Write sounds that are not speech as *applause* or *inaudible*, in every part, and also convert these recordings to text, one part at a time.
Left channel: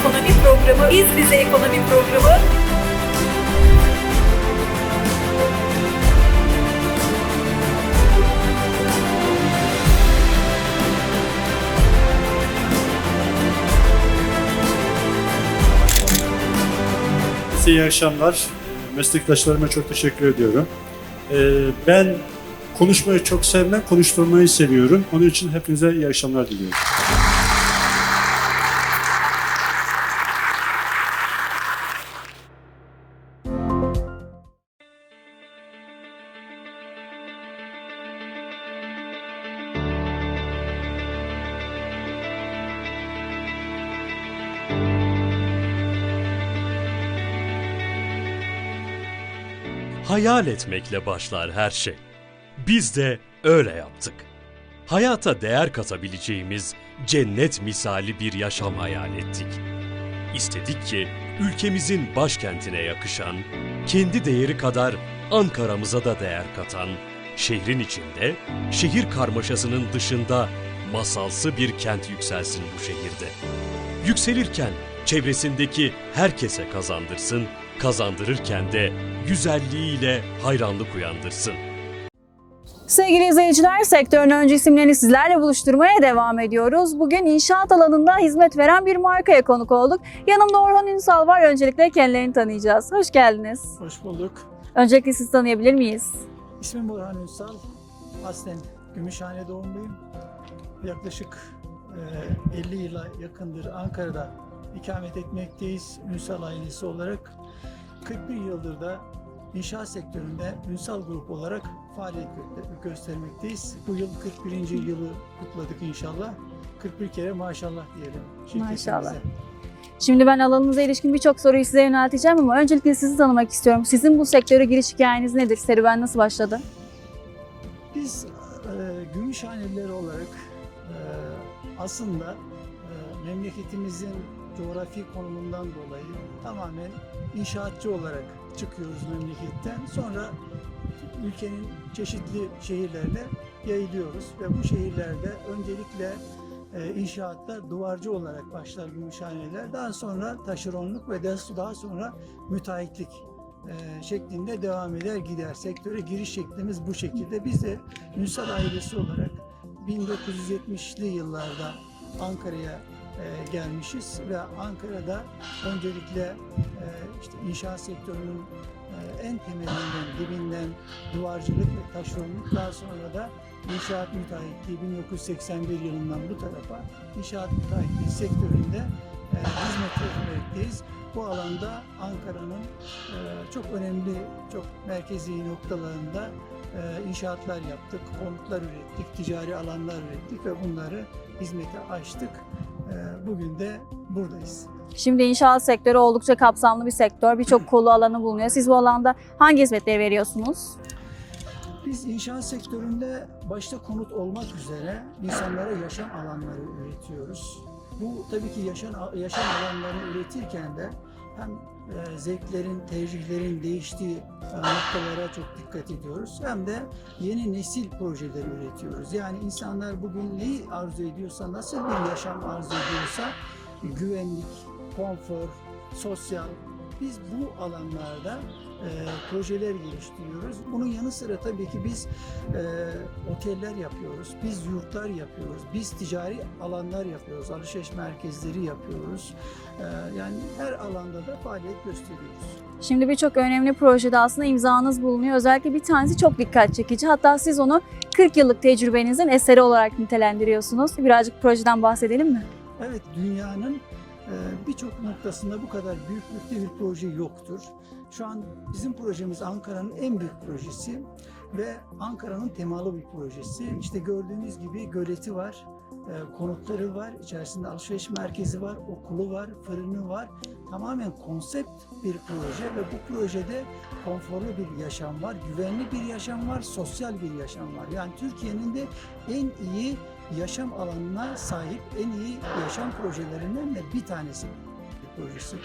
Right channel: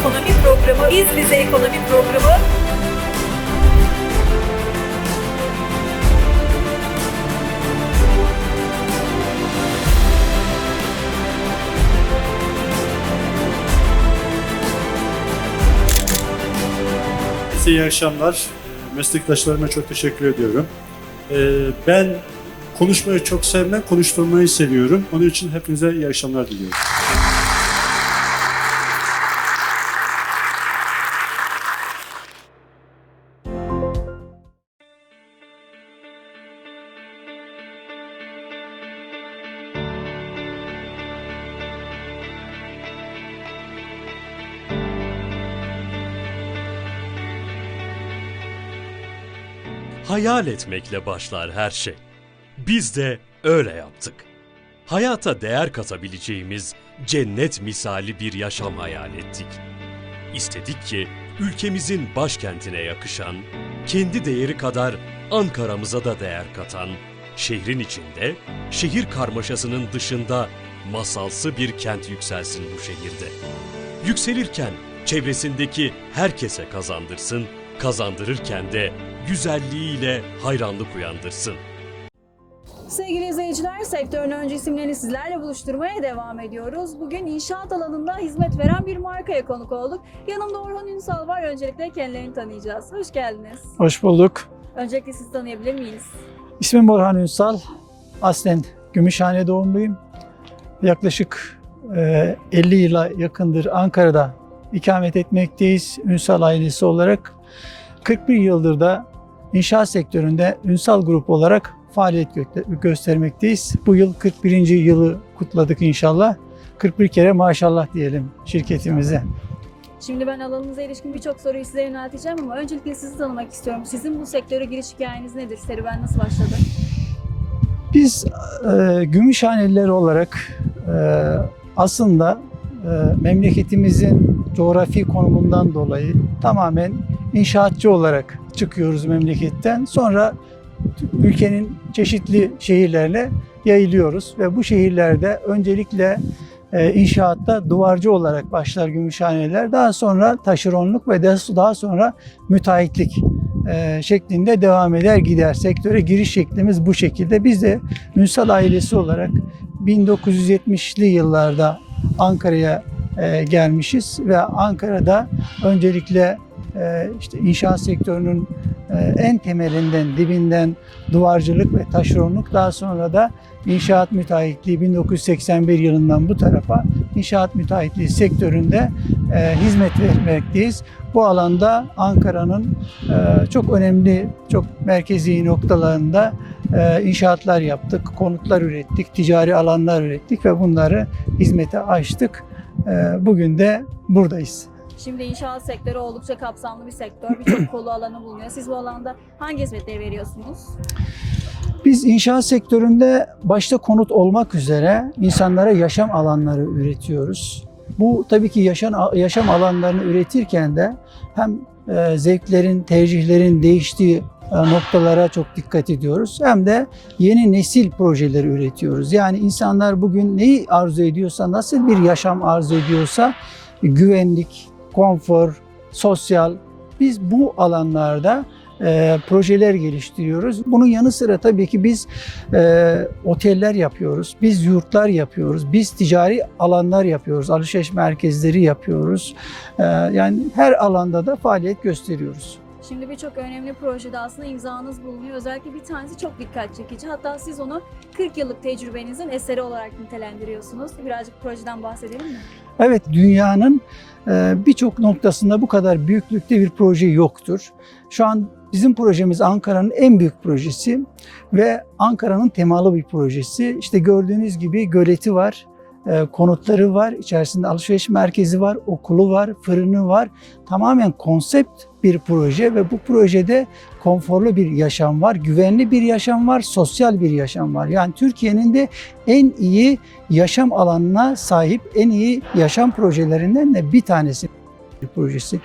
ekonomi programı, Biz Bize Ekonomi programı Size iyi akşamlar. Ee, Meslektaşlarıma çok teşekkür ediyorum. Ee, Ben konuşmayı çok sevmem, konuşturmayı seviyorum. Onun için hepinize iyi akşamlar diliyorum. Hayal etmekle başlar her şey. Biz de öyle yaptık. Hayata değer katabileceğimiz cennet misali bir yaşam hayal ettik. İstedik ki ülkemizin başkentine yakışan, kendi değeri kadar Ankara'mıza da değer katan, şehrin içinde, şehir karmaşasının dışında masalsı bir kent yükselsin bu şehirde. Yükselirken çevresindeki herkese kazandırsın, kazandırırken de güzelliğiyle hayranlık uyandırsın. Sevgili izleyiciler, sektörün öncü isimlerini sizlerle buluşturmaya devam ediyoruz. Bugün inşaat alanında hizmet veren bir markaya konuk olduk. Yanımda Orhan Ünsal var. Öncelikle kendilerini tanıyacağız. Hoş geldiniz. Hoş bulduk. Öncelikle sizi tanıyabilir miyiz? İsmim Orhan Ünsal. Aslen Gümüşhane doğumluyum. Yaklaşık e, 50 yıla yakındır Ankara'da ikamet etmekteyiz Ünsal ailesi olarak. 41 yıldır da inşaat sektöründe Ünsal Grup olarak faaliyet gö- göstermekteyiz. Bu yıl 41. yılı kutladık inşallah. 41 kere maşallah diyelim şirketimize. Şimdi ben alanınıza ilişkin birçok soruyu size yönelteceğim ama öncelikle sizi tanımak istiyorum. Sizin bu sektöre giriş hikayeniz nedir? Serüven nasıl başladı? Biz e, Gümüşhaneliler olarak e, aslında memleketimizin coğrafi konumundan dolayı tamamen inşaatçı olarak çıkıyoruz memleketten. Sonra ülkenin çeşitli şehirlerine yayılıyoruz ve bu şehirlerde öncelikle e, inşaatta duvarcı olarak başlar Gümüşhaneliler. Daha sonra taşeronluk ve daha sonra müteahhitlik e, şeklinde devam eder gider. Sektöre giriş şeklimiz bu şekilde. Biz de Ünsal ailesi olarak 1970'li yıllarda Ankara'ya e, gelmişiz ve Ankara'da öncelikle e, işte inşaat sektörünün e, en temelinden, dibinden duvarcılık ve taşeronluk daha sonra da inşaat müteahhitliği 1981 yılından bu tarafa inşaat müteahhitliği sektöründe hizmet vermekteyiz. Bu alanda Ankara'nın çok önemli, çok merkezi noktalarında inşaatlar yaptık, konutlar ürettik, ticari alanlar ürettik ve bunları hizmete açtık. E, Bugün de buradayız. Şimdi inşaat sektörü oldukça kapsamlı bir sektör. Birçok *clears throat* kolu alanı bulunuyor. Siz bu alanda hangi hizmetleri veriyorsunuz? Biz inşaat sektöründe başta konut olmak üzere insanlara yaşam alanları üretiyoruz. Bu tabii ki yaşam, yaşam alanlarını üretirken de hem e, zevklerin, tercihlerin değiştiği noktalara çok dikkat ediyoruz. Hem de yeni nesil projeleri üretiyoruz. Yani insanlar bugün neyi arzu ediyorsa, nasıl bir yaşam arzu ediyorsa güvenlik, konfor, sosyal biz bu alanlarda e, projeler geliştiriyoruz. Bunun yanı sıra tabii ki biz e, oteller yapıyoruz, biz yurtlar yapıyoruz, biz ticari alanlar yapıyoruz, alışveriş merkezleri yapıyoruz. E, yani her alanda da faaliyet gösteriyoruz. Şimdi birçok önemli projede aslında imzanız bulunuyor. Özellikle bir tanesi çok dikkat çekici. Hatta siz onu 40 yıllık tecrübenizin eseri olarak nitelendiriyorsunuz. Birazcık projeden bahsedelim mi? Evet, dünyanın e, birçok noktasında bu kadar büyüklükte bir proje yoktur. Şu an bizim projemiz Ankara'nın en büyük projesi ve Ankara'nın temalı bir projesi. İşte gördüğünüz gibi göleti var, konutları var, içerisinde alışveriş merkezi var, okulu var, fırını var. Tamamen konsept bir proje ve bu projede konforlu bir yaşam var, güvenli bir yaşam var, sosyal bir yaşam var. Yani Türkiye'nin de en iyi yaşam alanına sahip en iyi yaşam projelerinden de bir tanesi projesi.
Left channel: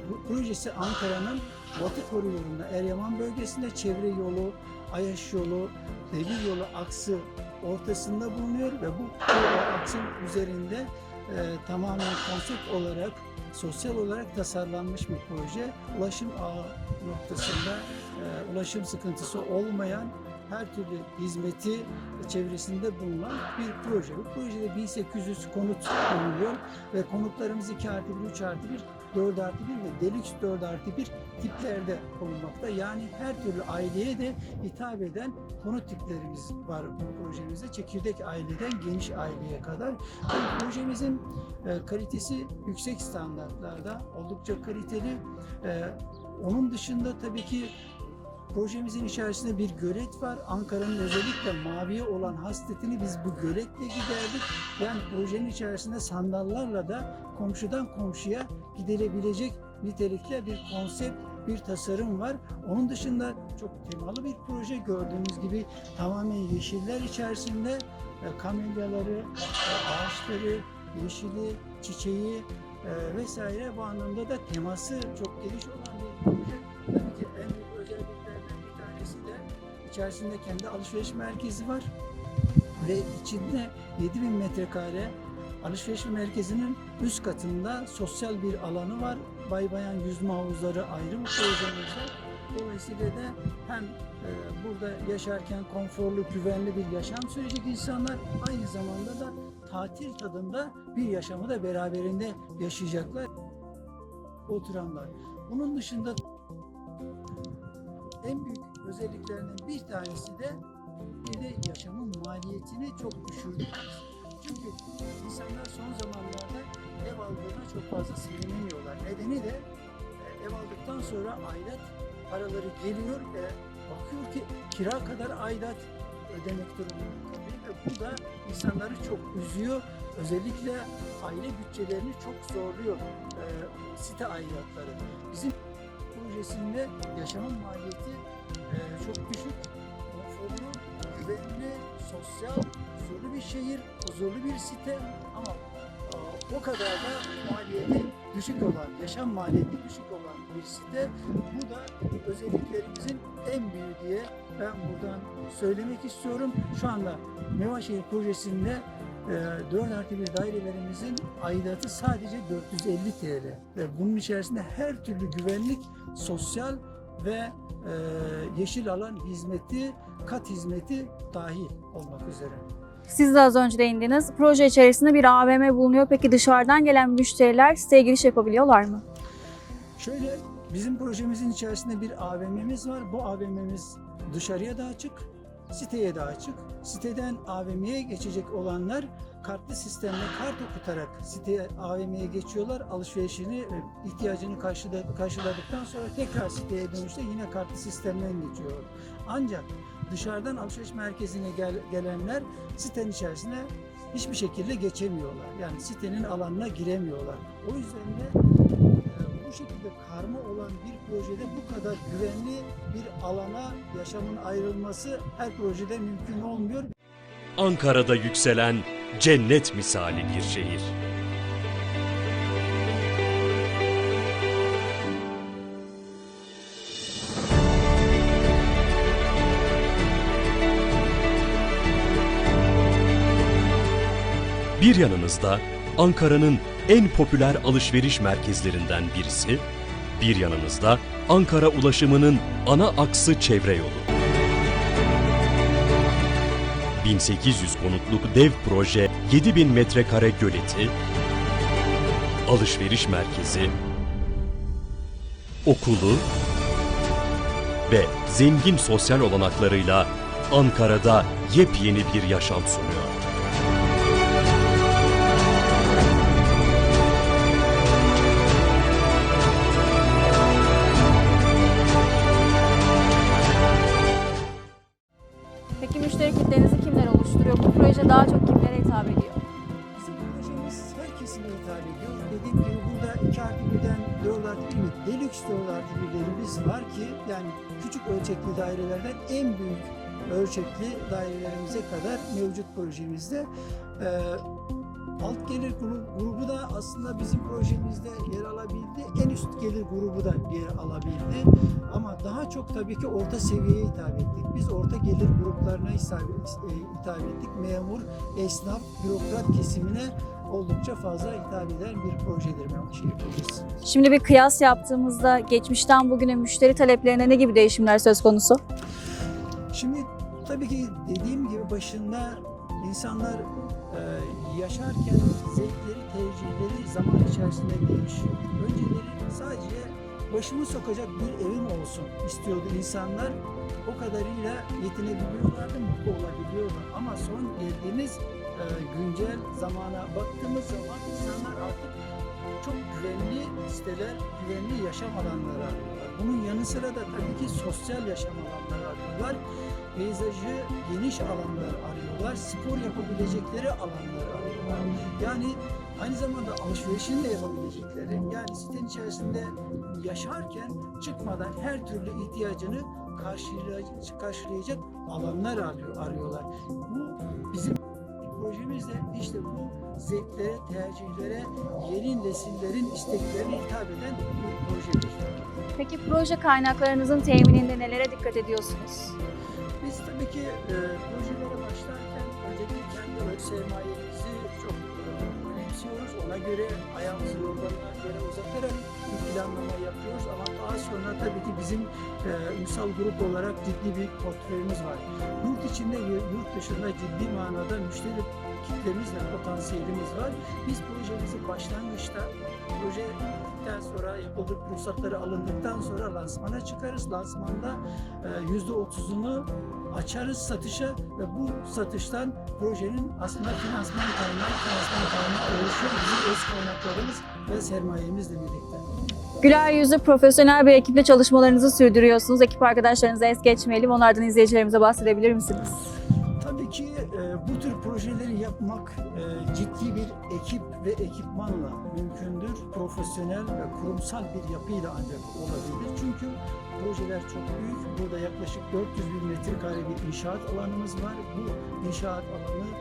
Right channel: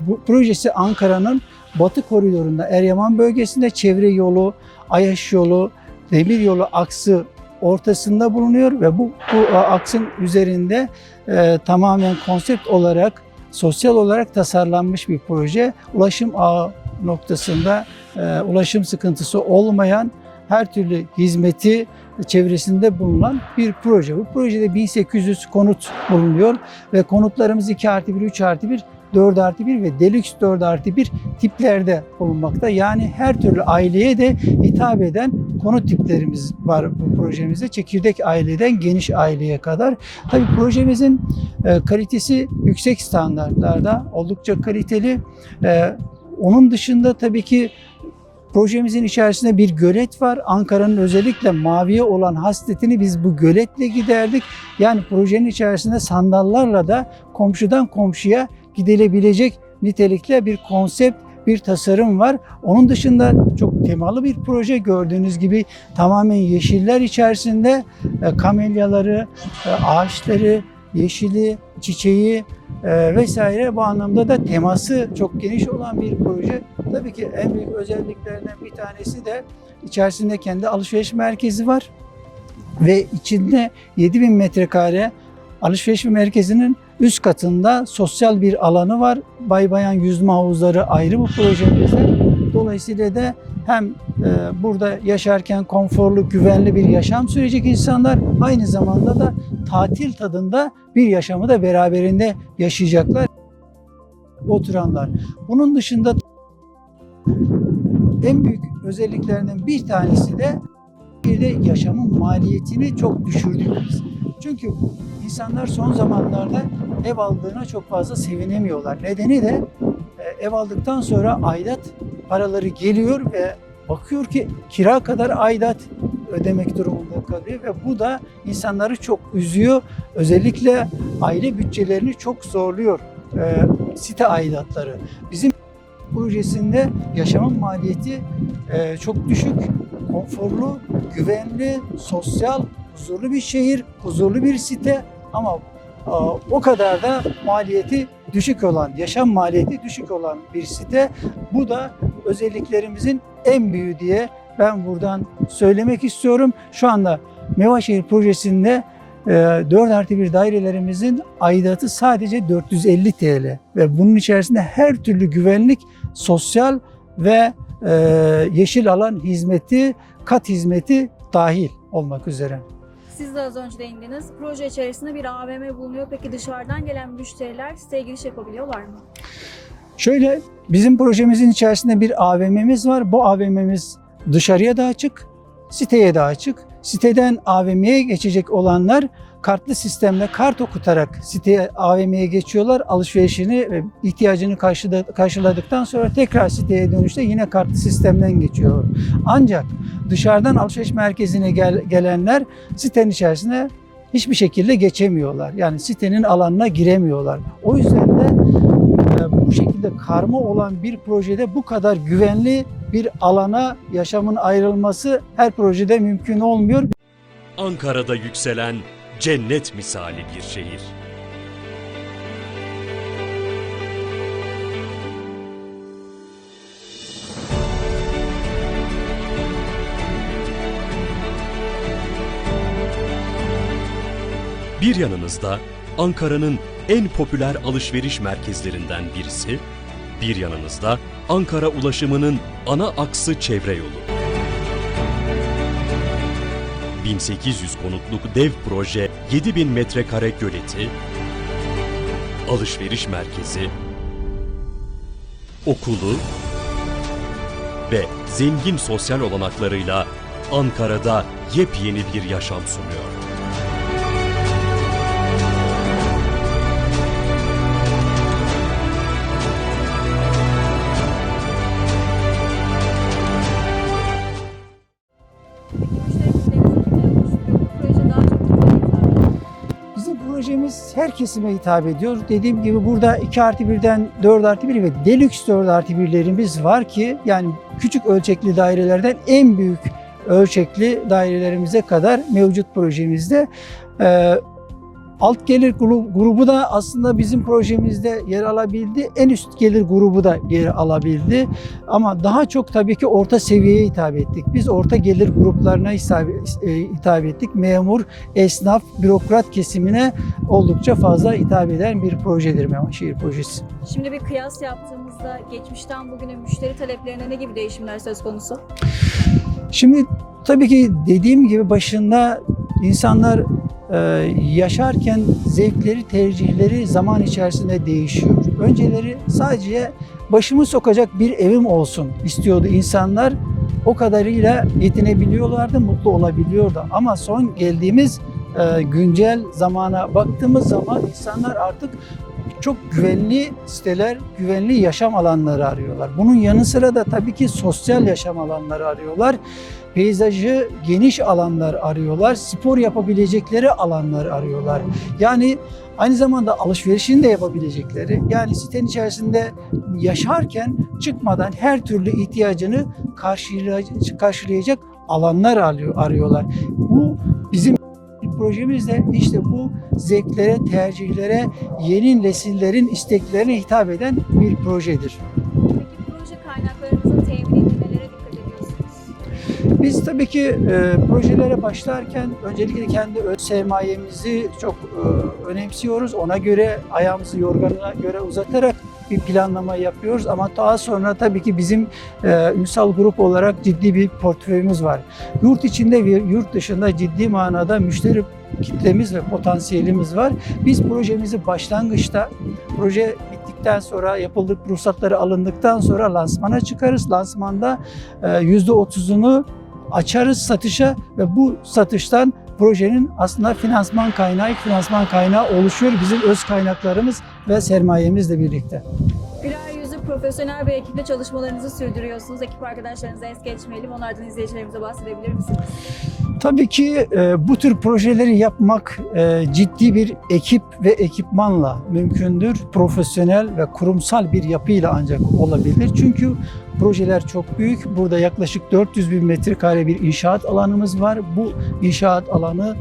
Bu projesi Ankara'nın batı koridorunda Eryaman bölgesinde çevre yolu, Ayaş yolu, demir yolu aksı ortasında bulunuyor ve bu, bu aksın üzerinde e, tamamen konsept olarak sosyal olarak tasarlanmış bir proje. Ulaşım ağı noktasında e, ulaşım sıkıntısı olmayan her türlü hizmeti çevresinde bulunan bir proje. Bu projede 1800 konut bulunuyor ve konutlarımız 2 artı 1, 3 artı 1, 4 artı 1 ve Deluxe 4 artı 1 tiplerde bulunmakta. Yani her türlü aileye de hitap eden konut tiplerimiz var bu projemizde. Çekirdek aileden geniş aileye kadar. Tabii projemizin e, kalitesi yüksek standartlarda, oldukça kaliteli. E, onun dışında tabii ki projemizin içerisinde bir gölet var. Ankara'nın özellikle maviye olan hasletini biz bu göletle giderdik. Yani projenin içerisinde sandallarla da komşudan komşuya gidilebilecek nitelikte bir konsept, bir tasarım var. Onun dışında çok temalı bir proje gördüğünüz gibi tamamen yeşiller içerisinde e, kamelyaları, e, ağaçları, yeşili, çiçeği e, vesaire bu anlamda da teması çok geniş olan bir proje. Tabii ki en büyük özelliklerinden bir tanesi de içerisinde kendi alışveriş merkezi var ve içinde 7000 metrekare alışveriş merkezinin üst katında sosyal bir alanı var. Bay bayan yüzme havuzları ayrı bu projemizde. Dolayısıyla da hem e, burada yaşarken konforlu, güvenli bir yaşam sürecek insanlar aynı zamanda da tatil tadında bir yaşamı da beraberinde yaşayacaklar oturanlar. Bunun dışında en büyük özelliklerinden bir tanesi de bir de yaşamın maliyetini çok düşürdüğümüz. Çünkü insanlar son zamanlarda ev aldığına çok fazla sevinemiyorlar. Nedeni de e, ev aldıktan sonra aidat paraları geliyor ve bakıyor ki kira kadar aidat ödemek durumunda kalıyor ve bu da insanları çok üzüyor. Özellikle aile bütçelerini çok zorluyor e, site aidatları. Bizim projesinde yaşamın maliyeti e, çok düşük, konforlu, güvenli, sosyal, huzurlu bir şehir, huzurlu bir site ama a, o kadar da maliyeti düşük olan, yaşam maliyeti düşük olan bir site. Bu da özelliklerimizin en büyüğü diye ben buradan söylemek istiyorum. Şu anda Mevaşehir projesinde e, 4 artı 1 dairelerimizin aidatı sadece 450 TL ve bunun içerisinde her türlü güvenlik, sosyal ve e, yeşil alan hizmeti, kat hizmeti dahil olmak üzere. Siz de az önce değindiniz. Proje içerisinde bir AVM bulunuyor. Peki dışarıdan gelen müşteriler siteye giriş yapabiliyorlar mı? Şöyle bizim projemizin içerisinde bir AVM'miz var. Bu AVM'miz dışarıya da açık, siteye de açık. Siteden AVM'ye geçecek olanlar kartlı sistemle kart okutarak siteye AVM'ye geçiyorlar. Alışverişini ve ihtiyacını karşıla- karşıladıktan sonra tekrar siteye dönüşte yine kartlı sistemden geçiyor. Ancak dışarıdan alışveriş merkezine gel- gelenler sitenin içerisine hiçbir şekilde geçemiyorlar. Yani sitenin alanına giremiyorlar. O yüzden de e, bu şekilde karma olan bir projede bu kadar güvenli bir alana yaşamın ayrılması her projede mümkün olmuyor. Ankara'da yükselen cennet misali bir şehir. Bir yanınızda Ankara'nın en popüler alışveriş merkezlerinden birisi, bir yanınızda Ankara ulaşımının ana aksı çevre yolu. 1800 konutluk dev proje 7000 metrekare göleti, alışveriş merkezi, okulu ve zengin sosyal olanaklarıyla Ankara'da yepyeni bir yaşam sunuyor. Projemiz her kesime hitap ediyor. Dediğim gibi burada 2 artı 1'den 4 artı 1 ve Deluxe 4 artı 1'lerimiz var ki yani küçük ölçekli dairelerden en büyük ölçekli dairelerimize kadar mevcut projemizde. Ee, Alt gelir gru- grubu da aslında bizim projemizde yer alabildi. En üst gelir grubu da yer alabildi. Ama daha çok tabii ki orta seviyeye hitap ettik. Biz orta gelir gruplarına hitap, e, hitap ettik. Memur, esnaf, bürokrat kesimine oldukça fazla hitap eden bir projedir Mehmetşehir projesi. Şimdi bir kıyas yaptığımızda geçmişten bugüne müşteri taleplerine ne gibi değişimler söz konusu? Şimdi tabii ki dediğim gibi başında insanlar e, yaşarken zevkleri, tercihleri zaman içerisinde değişiyor. Önceleri sadece başımı sokacak bir evim olsun istiyordu insanlar. O kadarıyla yetinebiliyorlardı, mutlu olabiliyordu. Ama son geldiğimiz e, güncel zamana baktığımız zaman insanlar artık çok güvenli siteler, güvenli yaşam alanları arıyorlar. Bunun yanı sıra da tabii ki sosyal yaşam alanları arıyorlar. Peyzajı geniş alanlar arıyorlar. Spor yapabilecekleri alanlar arıyorlar. Yani aynı zamanda alışverişini de yapabilecekleri, yani sitenin içerisinde yaşarken çıkmadan her türlü ihtiyacını karşılayacak, alanlar arıyor, arıyorlar. Bu bizim projemizde işte bu zevklere, tercihlere, yeni nesillerin isteklerine hitap eden bir projedir. Peki proje kaynaklarınızın temininde nelere dikkat ediyorsunuz? Biz tabii ki e, projelere başlarken öncelikle kendi öz sermayemizi çok e, önemsiyoruz. Ona göre ayağımızı yorganına göre uzatarak bir planlama yapıyoruz ama daha sonra tabii ki bizim e, Ünsal Grup olarak ciddi bir portföyümüz var. Yurt içinde ve yurt dışında ciddi manada müşteri kitlemiz ve potansiyelimiz var. Biz projemizi başlangıçta proje bittikten sonra yapıldık ruhsatları alındıktan sonra lansmana çıkarız. Lansmanda e, %30'unu açarız satışa ve bu satıştan projenin aslında finansman kaynağı, finansman kaynağı oluşuyor bizim öz kaynaklarımız ve sermayemizle birlikte. Güler yüzlü profesyonel bir ekiple çalışmalarınızı sürdürüyorsunuz. Ekip arkadaşlarınızı es geçmeyelim. Onlardan izleyicilerimize bahsedebilir misiniz? Tabii ki e, bu tür projeleri yapmak e, ciddi bir ekip ve ekipmanla mümkündür. Profesyonel ve kurumsal bir yapıyla ancak olabilir. Çünkü projeler çok büyük. Burada yaklaşık 400 bin metrekare bir inşaat alanımız var. Bu inşaat alanı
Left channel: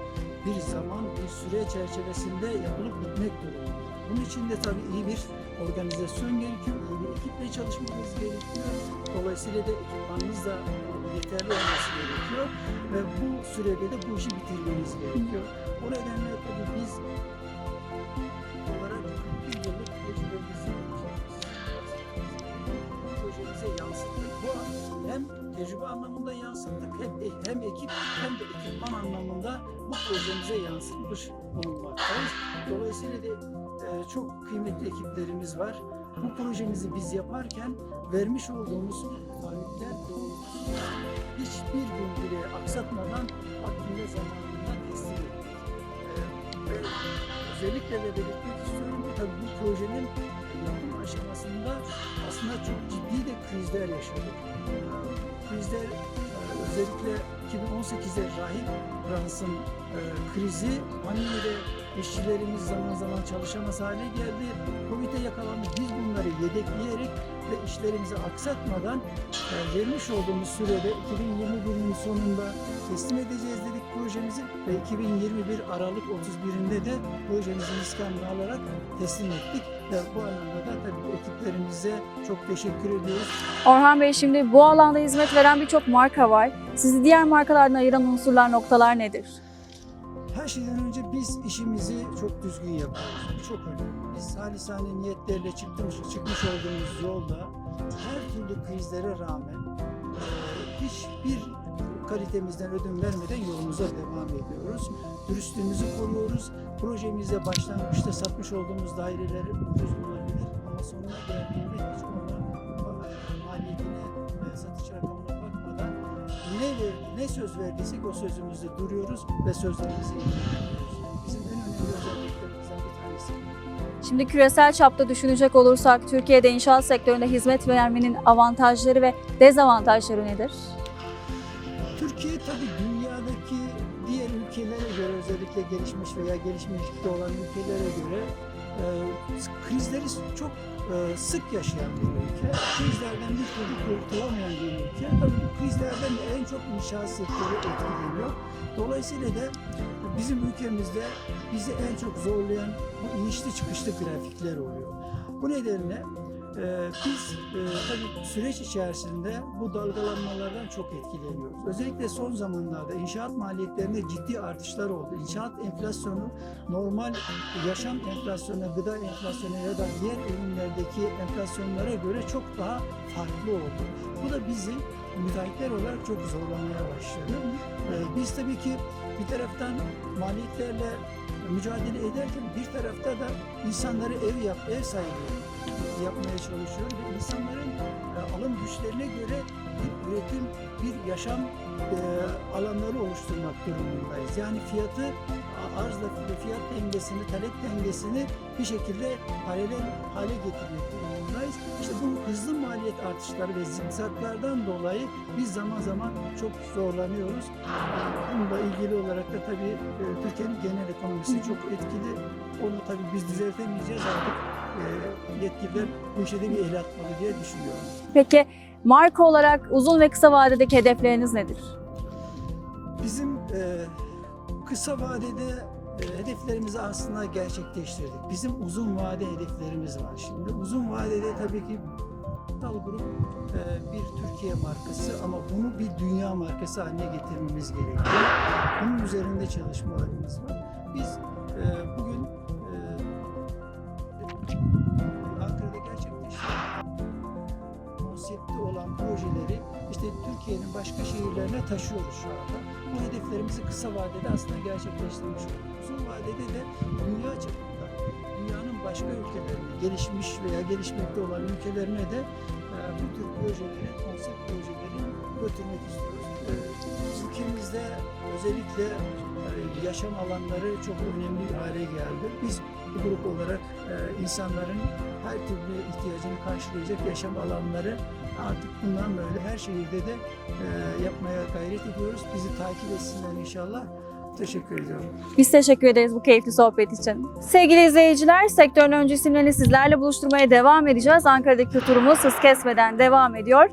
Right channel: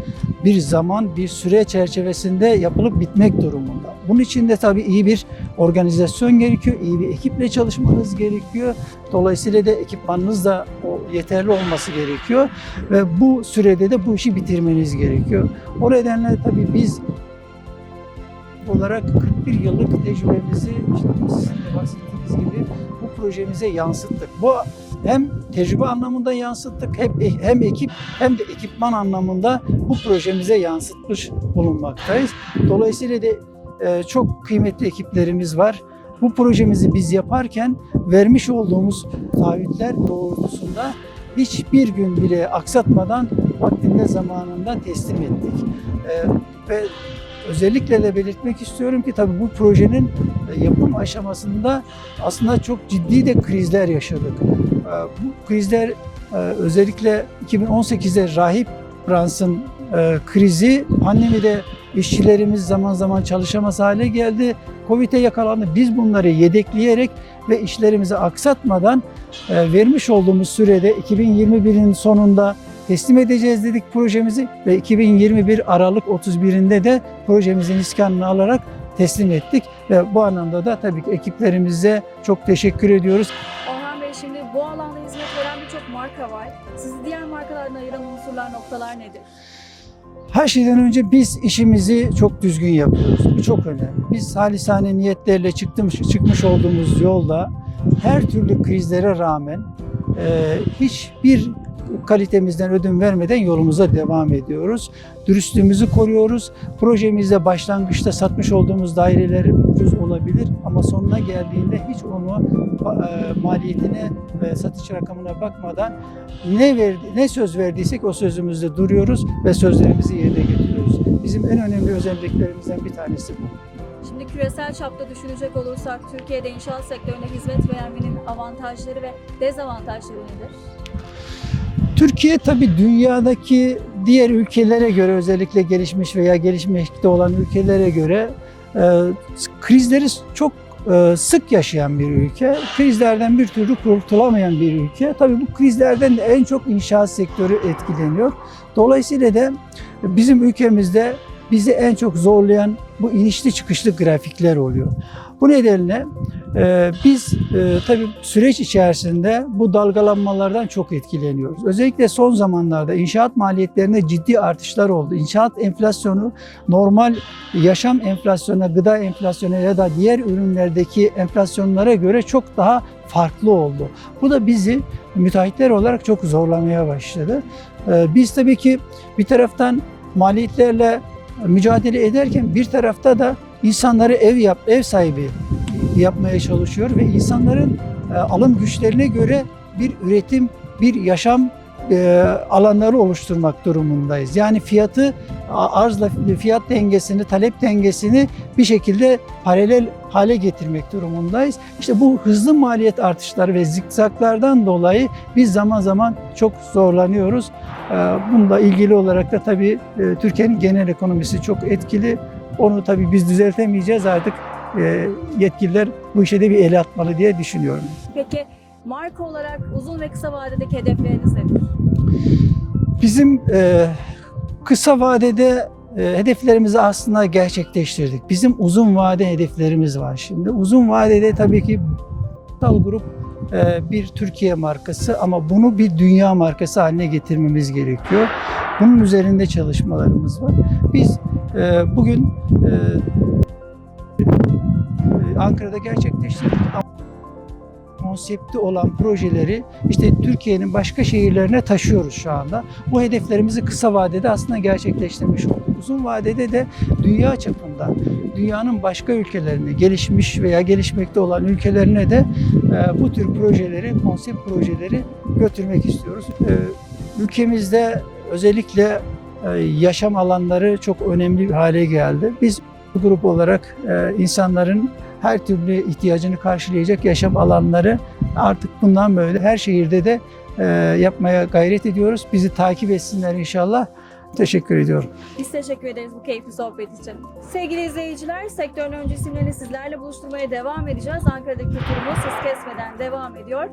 bir zaman, bir süre çerçevesinde yapılıp bitmek durumunda. Bunun için de tabii iyi bir organizasyon gerekiyor, iyi bir ekiple çalışmanız gerekiyor. Dolayısıyla da ekipmanınız da yeterli olması gerekiyor ve bu sürede de bu işi bitirmeniz gerekiyor. O nedenle tabii biz olarak 41 yıllık tecrübemizi işte bu projemize yansıttık. Bu hem tecrübe anlamında yansıttık hem, hem ekip hem de ekipman anlamında bu projemize yansıtmış bulunmaktayız. Dolayısıyla da e, çok kıymetli ekiplerimiz var. Bu projemizi biz yaparken vermiş olduğumuz taahhütler doğrultusunda hiçbir gün bile aksatmadan vaktinde zamanında teslim ettik. Ee, ve özellikle de belirtmek istiyorum ki tabii bu projenin e, yapım aşamasında aslında çok ciddi de krizler yaşadık. Bu krizler e, özellikle 2018'de Rahip Brans'ın e, krizi pandemide işçilerimiz zaman zaman çalışamaz hale geldi. Covid'e yakalandı. Biz bunları yedekleyerek ve işlerimizi aksatmadan e, vermiş olduğumuz sürede 2021'in sonunda teslim edeceğiz dedik projemizi ve 2021 Aralık 31'inde de projemizin iskanını alarak teslim ettik ve bu anlamda da tabii ki ekiplerimize çok teşekkür ediyoruz. Orhan Bey şimdi bu alanda hizmet veren birçok marka var. Sizi diğer markalardan ayıran unsurlar, noktalar nedir? Her şeyden önce biz işimizi çok düzgün yapıyoruz. Bu çok önemli. Biz halisane niyetlerle çıkmış, çıkmış olduğumuz yolda her türlü krizlere rağmen e, hiçbir kalitemizden ödün vermeden yolumuza devam ediyoruz. Dürüstlüğümüzü koruyoruz. Projemizde başlangıçta satmış olduğumuz daireler ucuz olabilir ama sonuna geldiğinde hiç onu maliyetine ve satış rakamına bakmadan ne verdi, ne söz verdiysek o sözümüzde duruyoruz ve sözlerimizi yerine getiriyoruz. Bizim en önemli özelliklerimizden bir tanesi bu. Şimdi küresel çapta düşünecek olursak Türkiye'de inşaat sektöründe hizmet vermenin avantajları ve dezavantajları nedir? Türkiye tabii dünyadaki diğer ülkelere göre özellikle gelişmiş veya gelişmekte olan ülkelere göre e, krizleri çok e, sık yaşayan bir ülke. Krizlerden bir türlü kurtulamayan bir ülke. Tabii bu krizlerden de en çok inşaat sektörü etkileniyor. Dolayısıyla da bizim ülkemizde bizi en çok zorlayan bu inişli çıkışlı grafikler oluyor. Bu nedenle e, biz e, tabii süreç içerisinde bu dalgalanmalardan çok etkileniyoruz. Özellikle son zamanlarda inşaat maliyetlerinde ciddi artışlar oldu. İnşaat enflasyonu normal yaşam enflasyonuna, gıda enflasyonuna ya da diğer ürünlerdeki enflasyonlara göre çok daha farklı oldu. Bu da bizi müteahhitler olarak çok zorlamaya başladı. Ee, Biz tabii ki bir taraftan maliyetlerle mücadele ederken bir tarafta da insanları ev yap, ev sahibi yapmaya çalışıyor ve insanların e, alım güçlerine göre bir üretim, bir yaşam e, alanları oluşturmak durumundayız. Yani fiyatı arzla fiyat dengesini, talep dengesini bir şekilde paralel hale getirmek durumundayız. İşte bu hızlı maliyet artışları ve zikzaklardan dolayı biz zaman zaman çok zorlanıyoruz. Ee, Bununla ilgili olarak da tabii e, Türkiye'nin genel ekonomisi çok etkili. Onu tabii biz düzeltemeyeceğiz artık. E, Yetkililer bu işe de bir el atmalı diye düşünüyorum. Peki marka olarak uzun ve kısa vadedeki hedefleriniz nedir? Bizim e, kısa vadede e, hedeflerimizi aslında gerçekleştirdik. Bizim uzun vade hedeflerimiz var şimdi. Uzun vadede tabii ki Tal Grup e, bir Türkiye markası ama bunu bir dünya markası haline getirmemiz gerekiyor. Bunun üzerinde çalışmalarımız var. Biz e, bugün e, Ankara'da gerçekleştirdik konsepti olan projeleri işte Türkiye'nin başka şehirlerine taşıyoruz şu anda. Bu hedeflerimizi kısa vadede aslında gerçekleştirmiş olduk. Uzun vadede de dünya çapında, dünyanın başka ülkelerine, gelişmiş veya gelişmekte olan ülkelerine de e, bu tür projeleri, konsept projeleri götürmek istiyoruz. E, ülkemizde özellikle e, yaşam alanları çok önemli bir hale geldi. Biz grup olarak e, insanların her türlü ihtiyacını karşılayacak yaşam alanları artık bundan böyle her şehirde de e, yapmaya gayret ediyoruz. Bizi takip etsinler inşallah. Teşekkür ediyorum. Biz teşekkür ederiz bu keyifli sohbet için. Sevgili izleyiciler, sektörün öncü isimlerini sizlerle buluşturmaya devam edeceğiz. Ankara'daki turumuz hız kesmeden devam ediyor.